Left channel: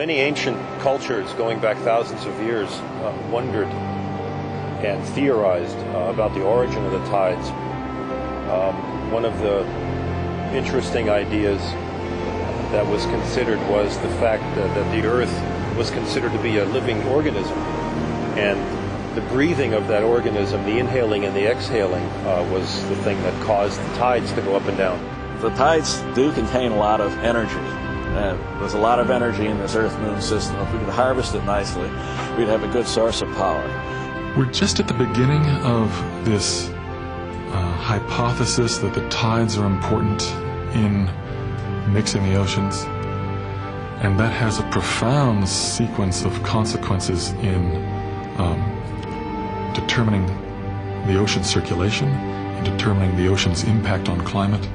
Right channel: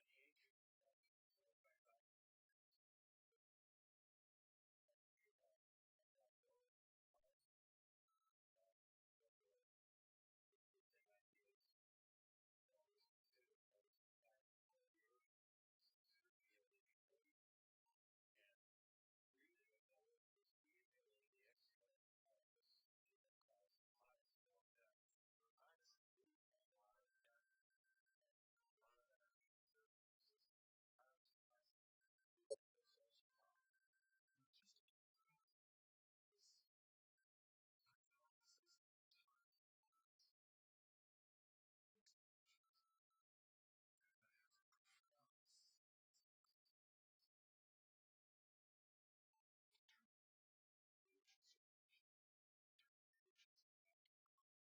Many ancient cultures going back thousands of years wondered and theorized about the origin of the tides. One of the interesting ideas that was considered was the fact that the Earth was considered to be a living organism, and the breathing of that organism, the inhaling and the exhaling, was the thing that caused the tides to go up and down. The tides do contain a lot of energy. There's a lot of energy in this Earth-Moon system. If we could harvest it nicely, we'd have a good source of power. We're just at the beginning of this hypothesis that the tides are important in mixing the oceans, and that has a profound sequence of consequences in determining the ocean circulation and determining the ocean's impact on climate.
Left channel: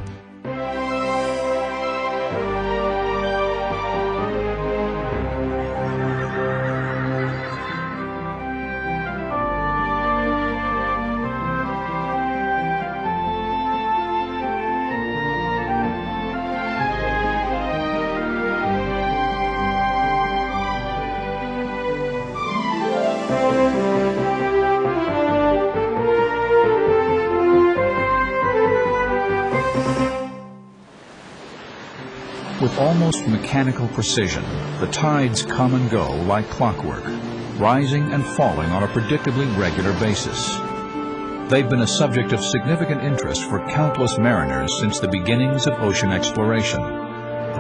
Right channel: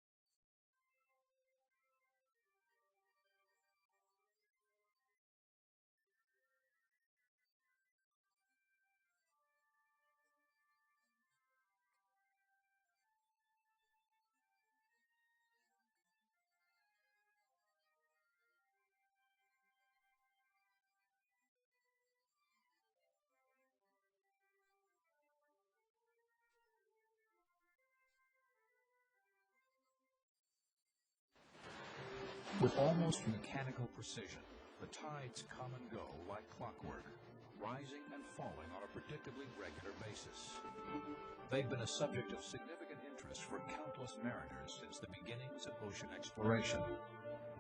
With almost mechanical precision, the tides come and go like clockwork, rising and falling on a predictably regular basis. They've been a subject of significant interest for countless mariners since the beginnings of ocean exploration,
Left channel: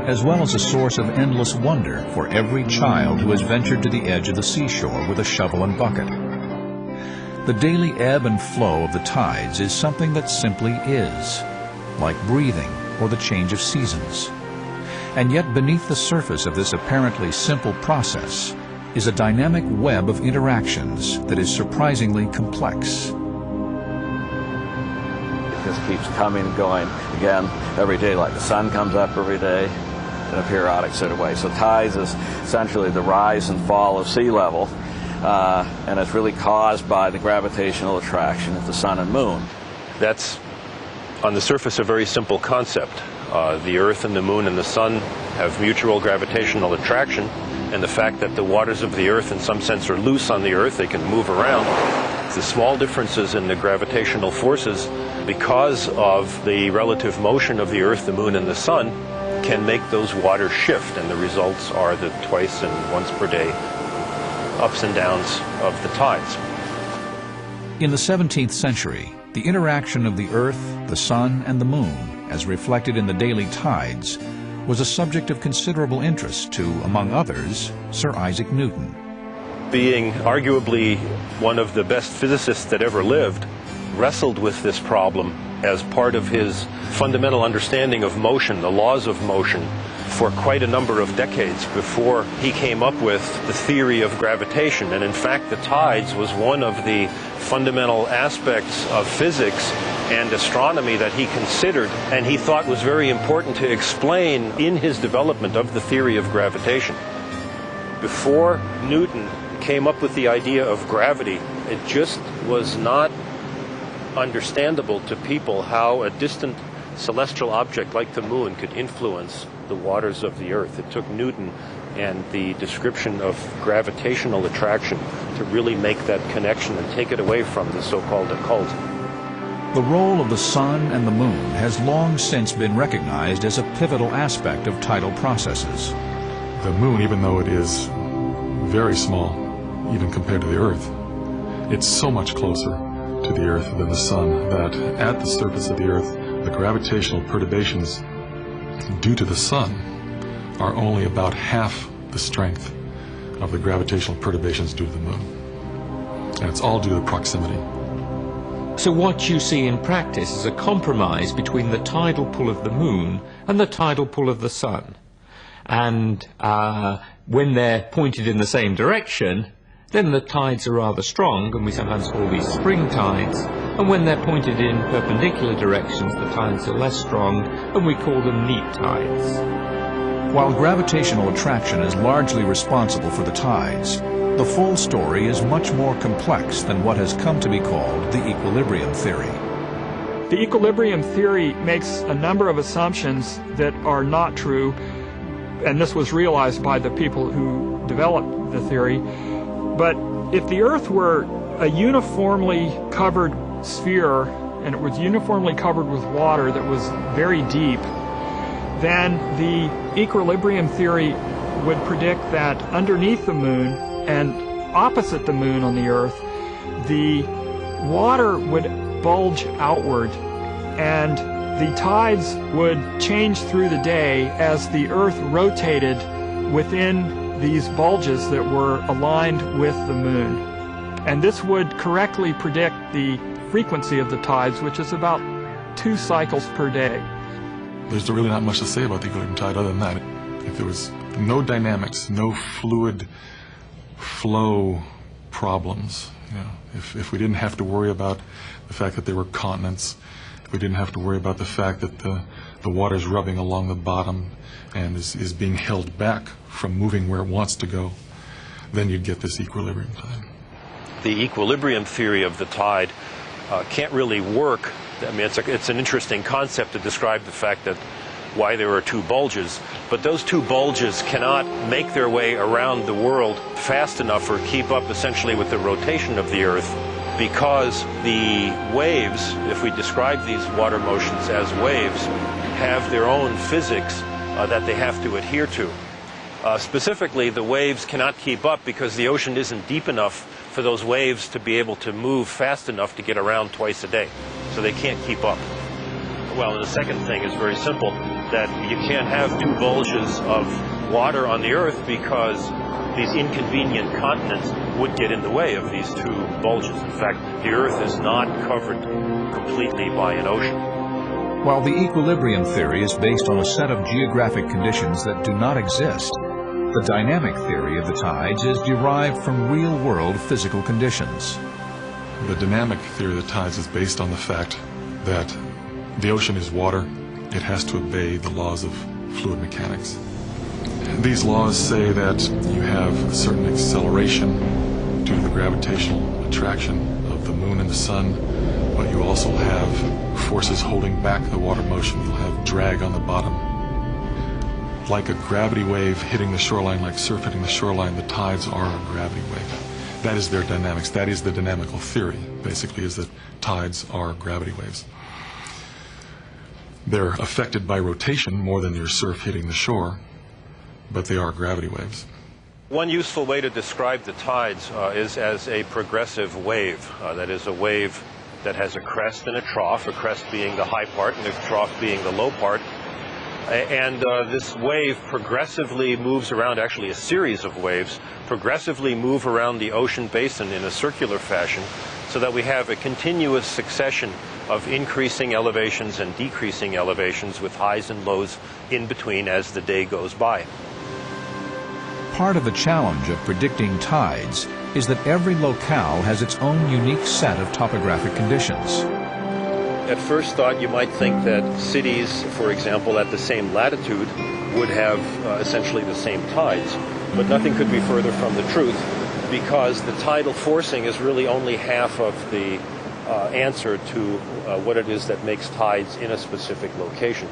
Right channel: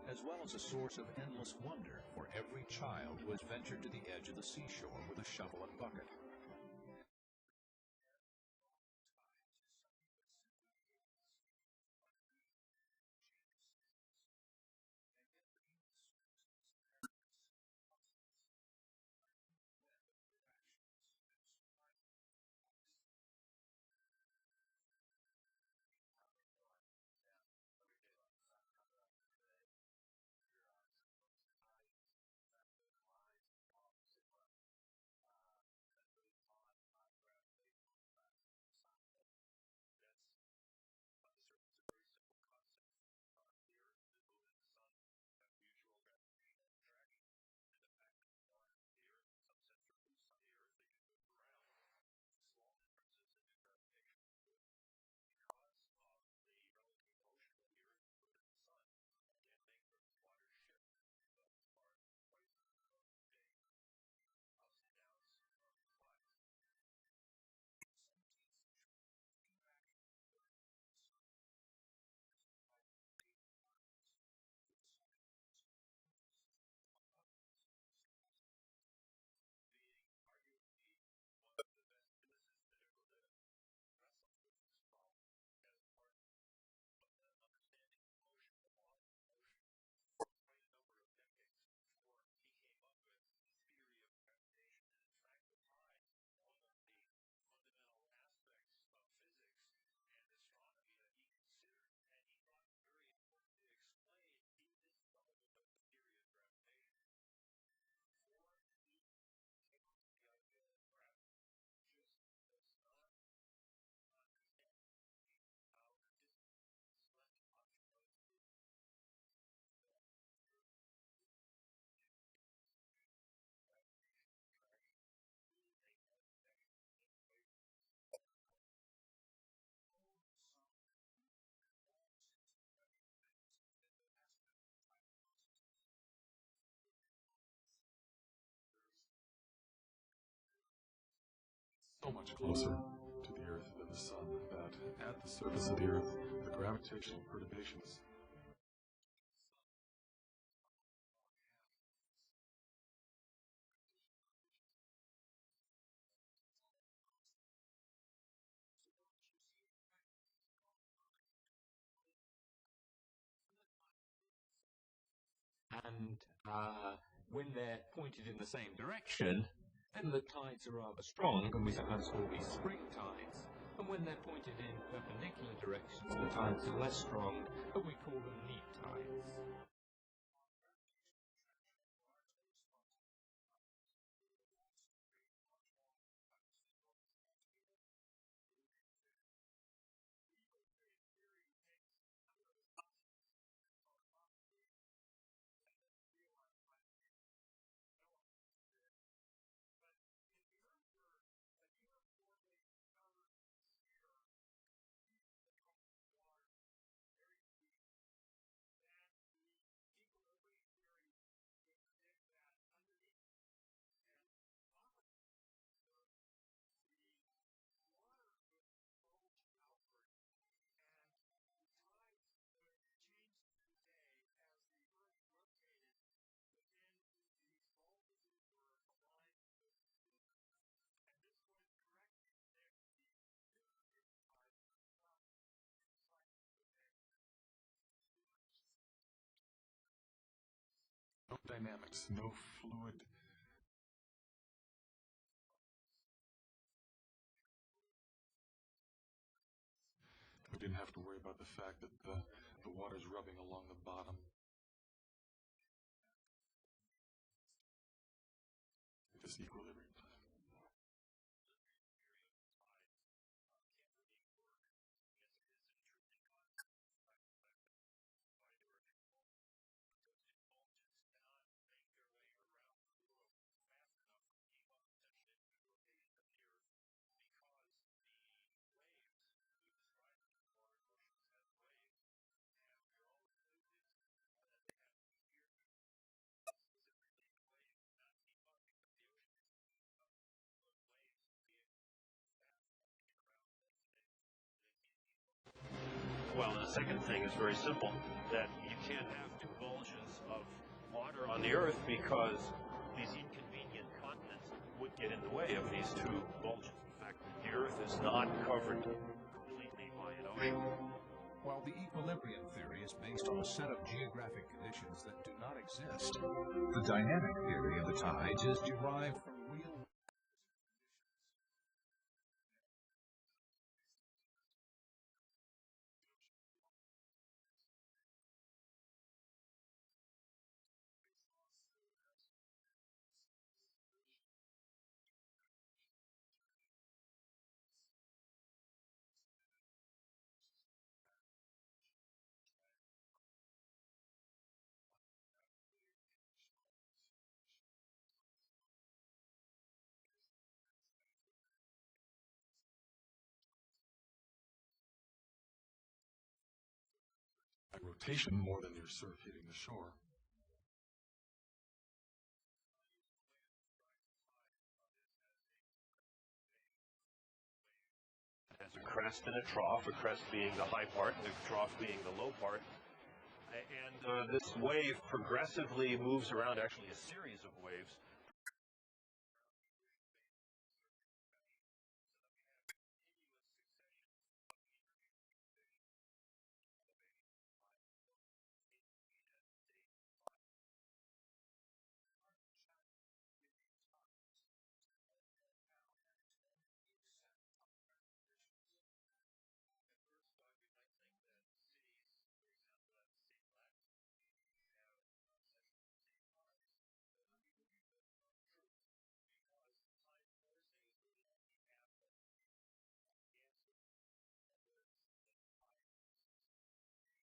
as well as a source of endless wonder for every child who has ventured to the edge of the seashore with a shovel and bucket. The daily ebb and flow of the tides is something that simply is, like breathing or the change of seasons. And yet beneath the surface of this apparently simple process is a dynamic web of interactions that is surprisingly complex. It just keeps coming and going again every day, like the sun comes up every day in a periodic sort of way. So tides is essentially the rise and fall of sea level, and it's really caused by the gravitational attraction of the sun and moon. That's, on the surface, a very simple concept. The Earth and the Moon and the Sun have mutual gravitational attraction, and the fact that the waters of the Earth in some sense are loose on the Earth, they can move around. The small differences in the gravitational forces, because of the relative motion of the Earth, the Moon, and the Sun, can make those waters shift, and the results are the twice and once per day ups and downs of the tides. In the 17th century, the interaction of the Earth, the Sun, and the Moon, as reflected in the daily tides, was a subject of considerable interest to, among others, Sir Isaac Newton. Being arguably one of the best physicists that ever lived, wrestled with this problem as part of his fundamental understanding of motion, the laws of motion, for quite a number of decades before he came up with the theory of gravitation. And in fact, the tides was one of the fundamental aspects of physics and astronomy that he considered and he thought was very important to explain in his development of the theory of gravitation. Before Newton came up with the idea of gravity, it just was not understandable to people how a distant celestial object like the moon could influence the waters of the Earth. It took Newton and the description of gravitational attraction to really make that connection and take it away from the so-called occult. The role of the sun and the moon has long since been recognized as a pivotal aspect of tidal processes. The moon, even though it is very small, even compared to the Earth, it's so much closer to the Earth than the sun that at the surface of the Earth, the gravitational perturbations due to the sun are only about half the strength of the gravitational perturbations due to the moon. And it's all due to the proximity. So what you see in practice is a compromise between the tidal pull of the moon and the tidal pull of the sun. And when they're pointed in the same direction, then the tides are rather strong, and we sometimes call these spring tides. And when they're pointed in perpendicular directions, the tides are less strong, and we call them neap tides. While gravitational attraction is largely responsible for the tides, the full story is much more complex than what has come to be called the equilibrium theory. The equilibrium theory makes a number of assumptions that are not true. and this was realized by the people who developed the theory. But if the Earth were a uniformly covered sphere, and it was uniformly covered with water that was very deep, then the equilibrium theory would predict that underneath the moon and opposite the moon on the Earth, the water would bulge outward, and the tides would change through the day as the Earth rotated within these bulges that were aligned with the moon. And this would correctly predict the frequency of the tides, which is about 2 cycles per day. There's really not much to say about the equilibrium tide other than that. If there was no dynamics, no fluid flow problems, if we didn't have to worry about the fact that there were continents, if we didn't have to worry about the fact that the water's rubbing along the bottom and is being held back from moving where it wants to go, then you'd get this equilibrium tide. The equilibrium theory of the tide can't really work. I mean, it's an interesting concept to describe the fact that why there are 2 bulges, but those 2 bulges cannot make their way around the world fast enough or keep up essentially with the rotation of the Earth, because the waves, if we describe these water motions as waves, have their own physics that they have to adhere to. Specifically, the waves cannot keep up because the ocean isn't deep enough for those waves to be able to move fast enough to get around twice a day. So they can't keep up. Well, and the second thing is very simple, that you can't have 2 bulges of water on the Earth because these inconvenient continents would get in the way of these 2 bulges. In fact, the Earth is not covered completely by an ocean. While the equilibrium theory is based on a set of geographic conditions that do not exist, the dynamic theory of the tides is derived from real-world physical conditions. The dynamic theory of the tides is based on the fact that the ocean is water. It has to obey the laws of fluid mechanics. These laws say that you have a certain acceleration due to the gravitational attraction of the moon and the sun, but you also have forces holding back the water motion. You'll have drag on the bottom. Like a gravity wave hitting the shoreline, like surf hitting the shoreline, the tides are a gravity wave. That is their dynamics. That is the dynamical theory, basically, is that tides are gravity waves. They're affected by rotation more than your surf hitting the shore, but they are gravity waves. One useful way to describe the tides is as a progressive wave. That is a wave that has a crest and a crest being the high part and the trough being the low part. And this wave progressively moves around, actually a series of waves, progressively move around the ocean basin in a circular fashion, so that we have a continuous succession of increasing elevations and decreasing elevations with highs and lows in between as the day goes by. Part of the challenge of predicting tides is that every locale has its own unique set of topographic conditions. At first thought, you might think that cities, for example, at the same latitude would have essentially the same tides, but nothing could be further from the truth, because the tidal forcing is really only half of the answer to what it is that makes tides in a specific location.